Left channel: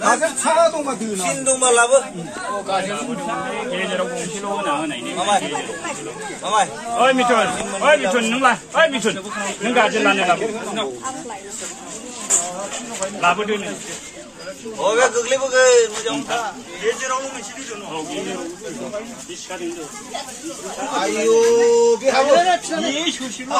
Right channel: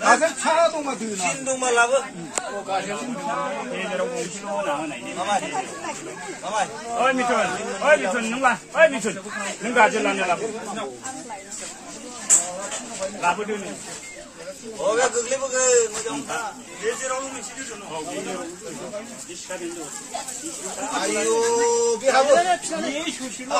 가서 차동마 드나. 신동마 라브. 게제로 공시로 나오네. 마마이. 어이 미촌 능라. 어이 미촌. 능가 질라네 라브. 라브드네. 어왜 그글리 버그 뭐좀 다. 게제로 오면 시주죠. 아유, 비하고. 이 휴실로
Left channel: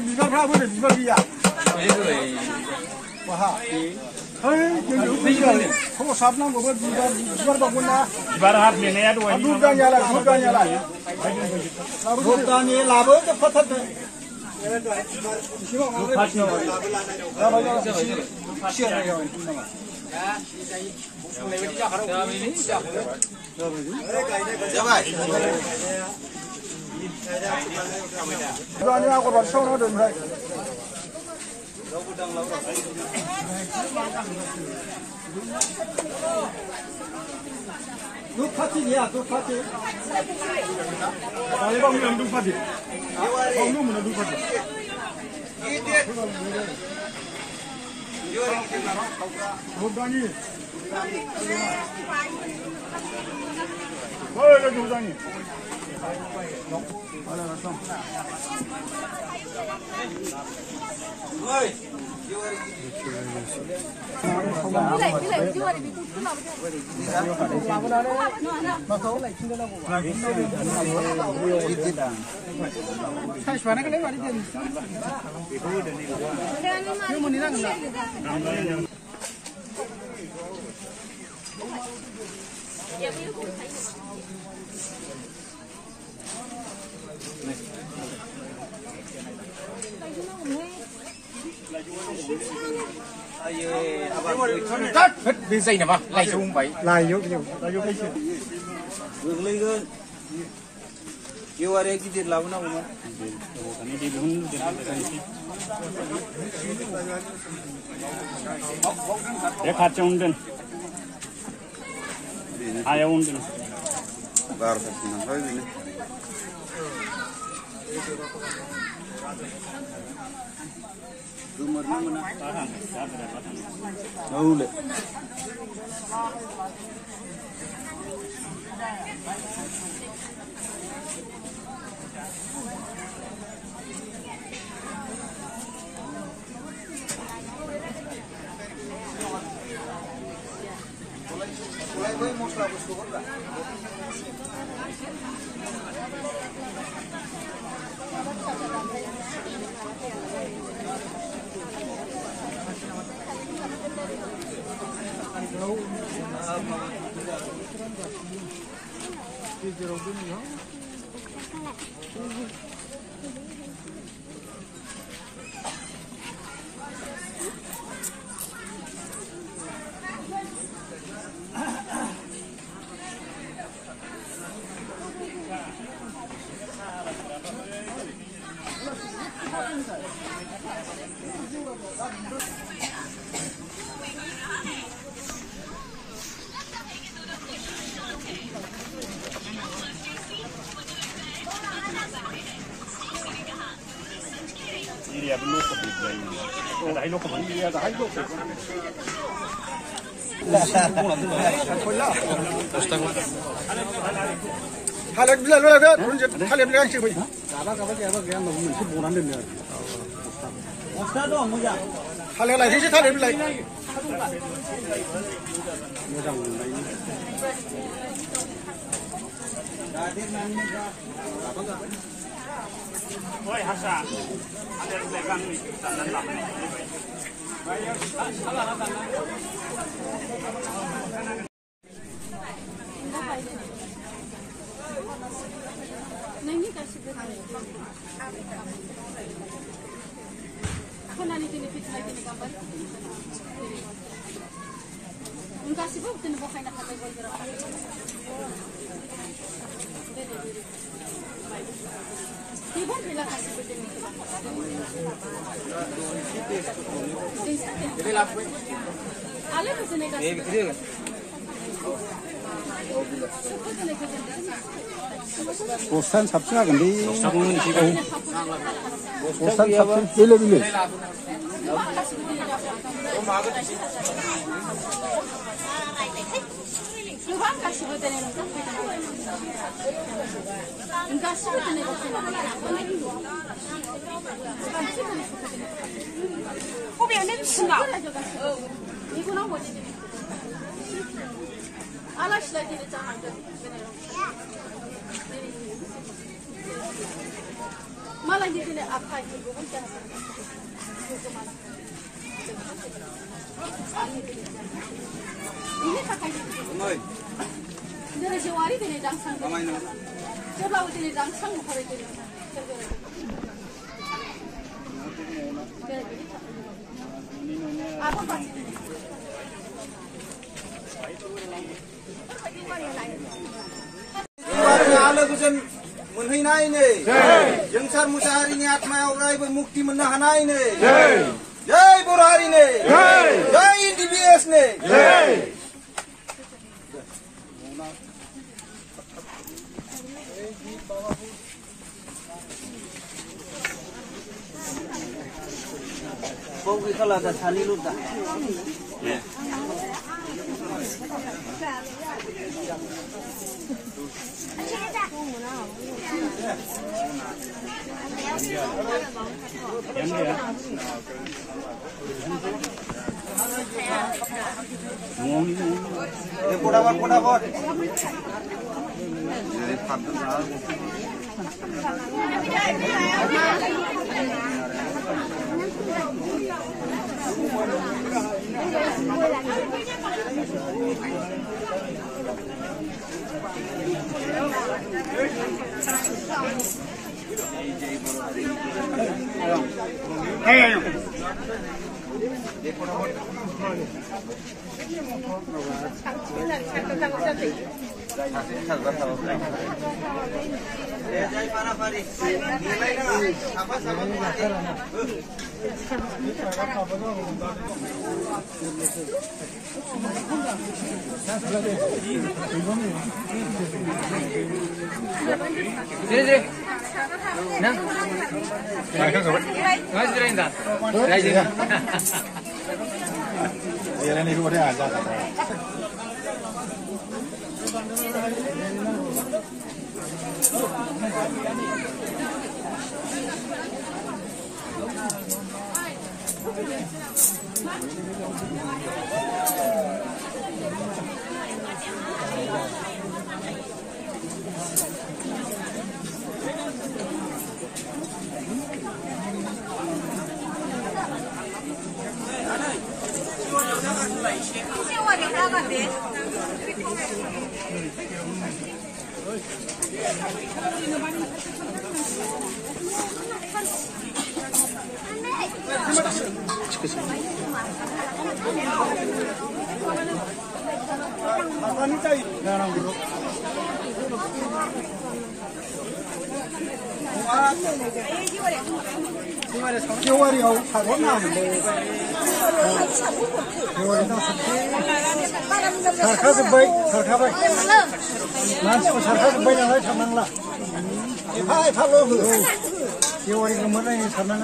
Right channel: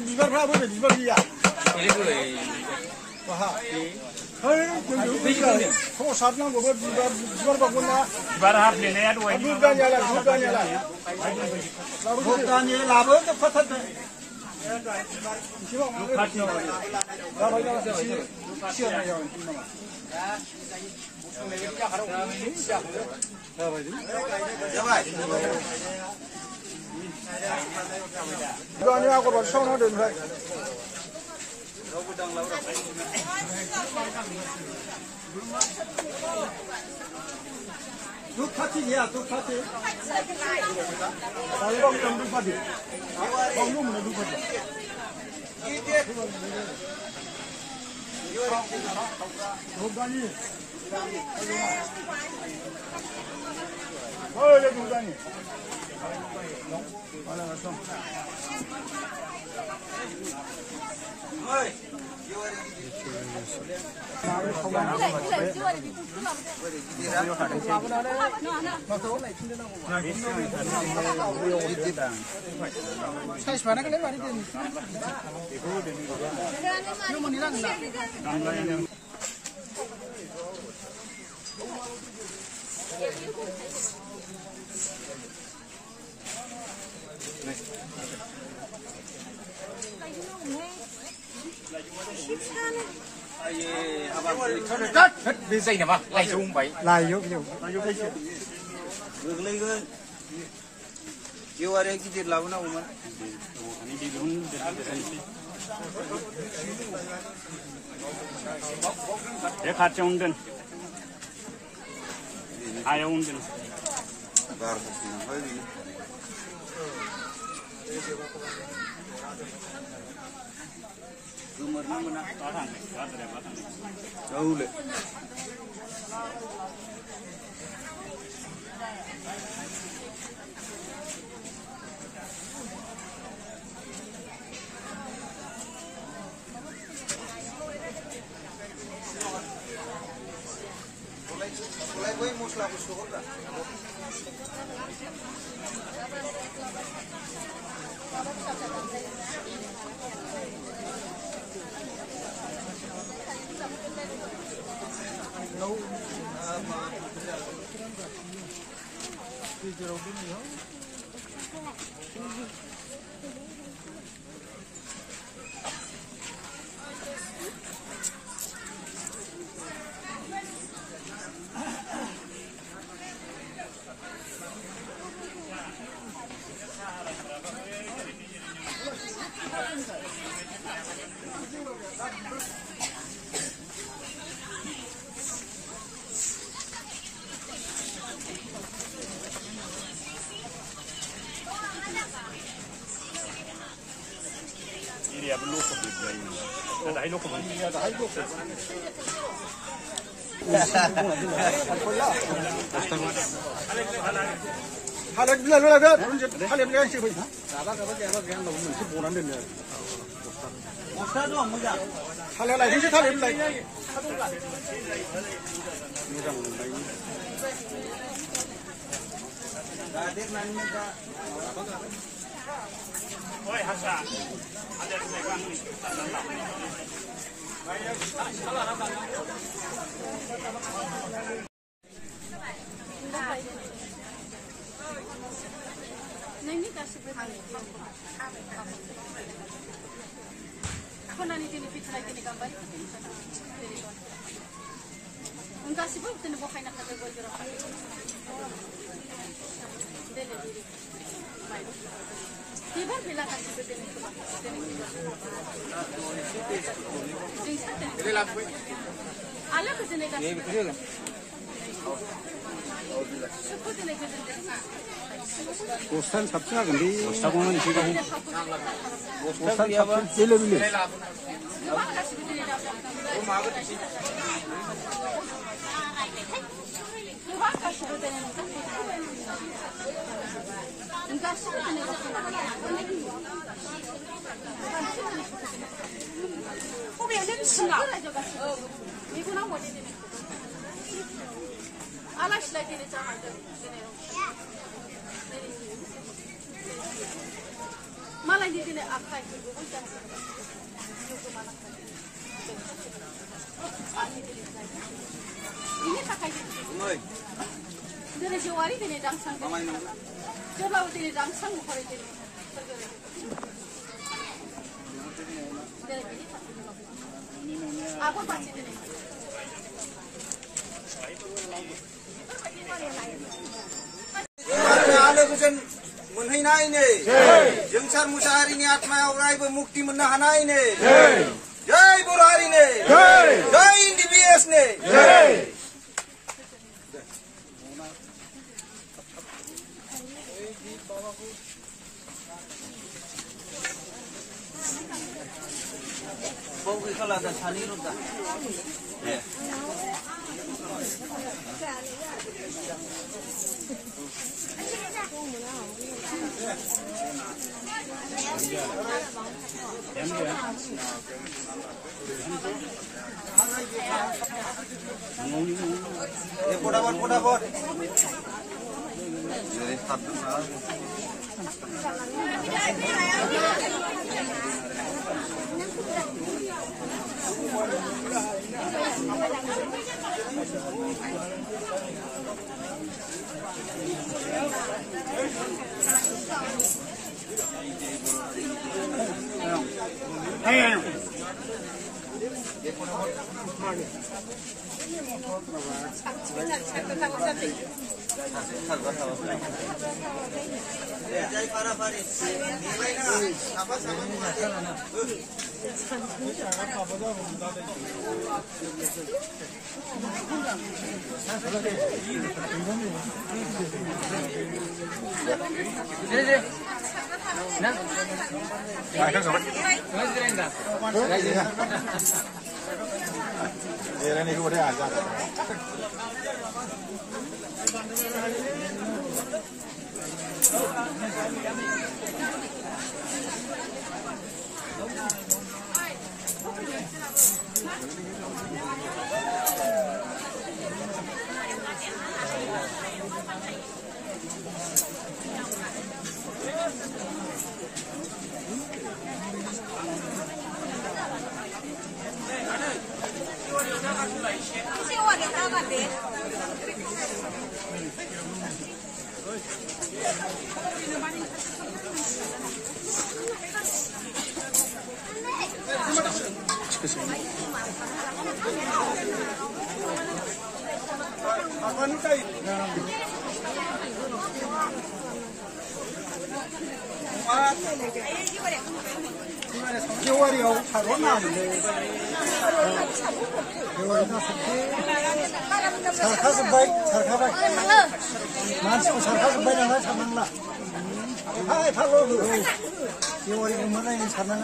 미가 가버려, 미가기야. Kau sabna gobar bibar baguna. Bibar hap lene ya dua. Duda nyala. Duda nyala labo tu pathat. Dua parti ya, dua parti. Kalau bang yang dua parti, bang lu mana dua parti? Dua ni. Oh, ada dua ni. Oi. Bên dây nào mà lại dùng vậy. Lai yuk cái gì? Gulli gun. You are exited lavana woman. Để khát trong đơn. Ai ông đơn. Gar bukti hoy ni. Umur na mana? Naule. Mulai boy mosla busko kan? Ini belum kebeli lagi. Ada hilo kebeli. Ada hilo. Halak bila kan? Halak bila sih boy. Apa yang mau mungkin bukan ni. Masa tu amu ya. Halak lagi sih halak bila. Ada nanya dah. Oi Hasan. Ada pegang ni. Bayar salah datang. नहीं कर सकते कौन आने के लिए पिछला के लिए company उनका सिर्फ उतने वो खाना खाते बोल जरा they they Ibu bila kasih begini tu. Alat begini kasih. 보산 삽시나 근데 이거는 지금 보산 삽시 빌려 Alaşla dili çamaşır. Malah di sini apa itu bukan. Ini pakai. Dari Jawa ini dangsang. Coba ini dangsang bukan ini. Apa pasti ini? मोनहैनाय ने जोंसार मुसाहारिनि आत्मायाव अरायबो मुक्ति मोननो हानाय ने जय बर' हारि ने जय NDBS ने बौगि खालादा सानैल' दा Kodabar. 개월이하고 사고 나는데 개월이 나서지 sarkası bay masuk sarkası bay yang sanang lah hai halo 개월이 mana yang sanang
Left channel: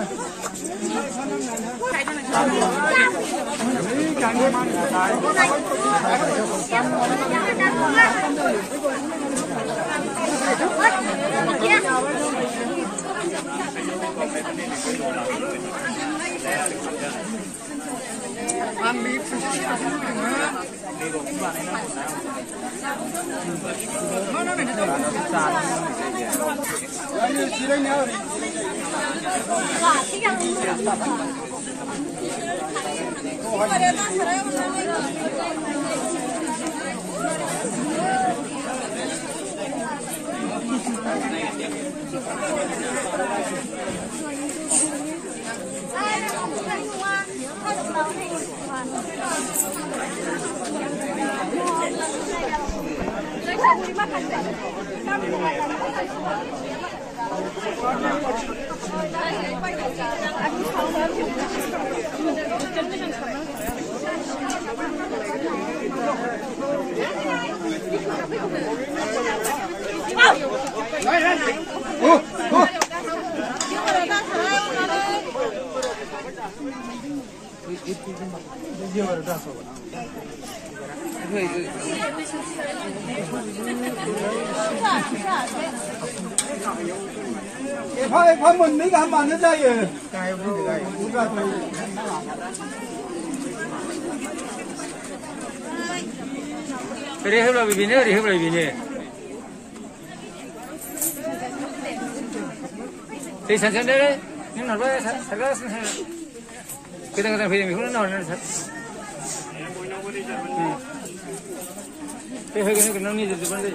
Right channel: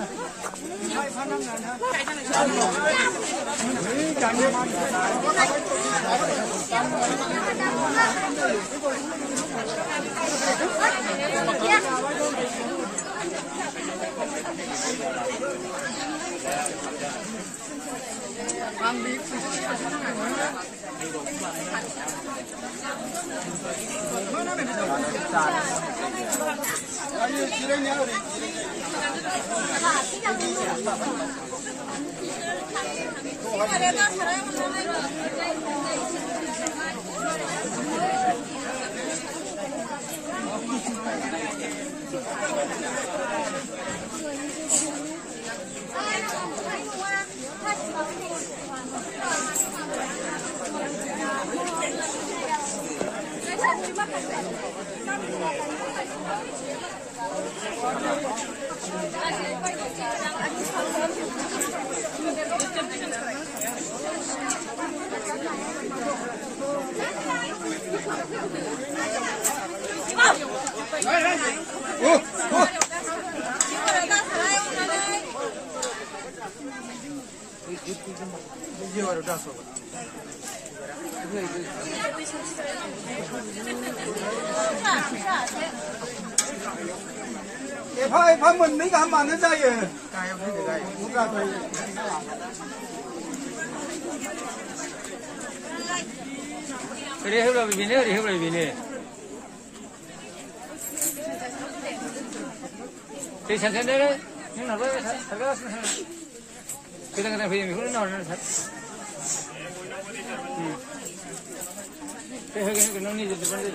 phải mình mấy cái mà nó ra rồi. Đi hết rồi vì đi hết rồi vì nè. Thì sản xuất đấy, nhưng mà nó sản xuất cái thằng phải mình không nói nó cái hơi cái nó như thế này.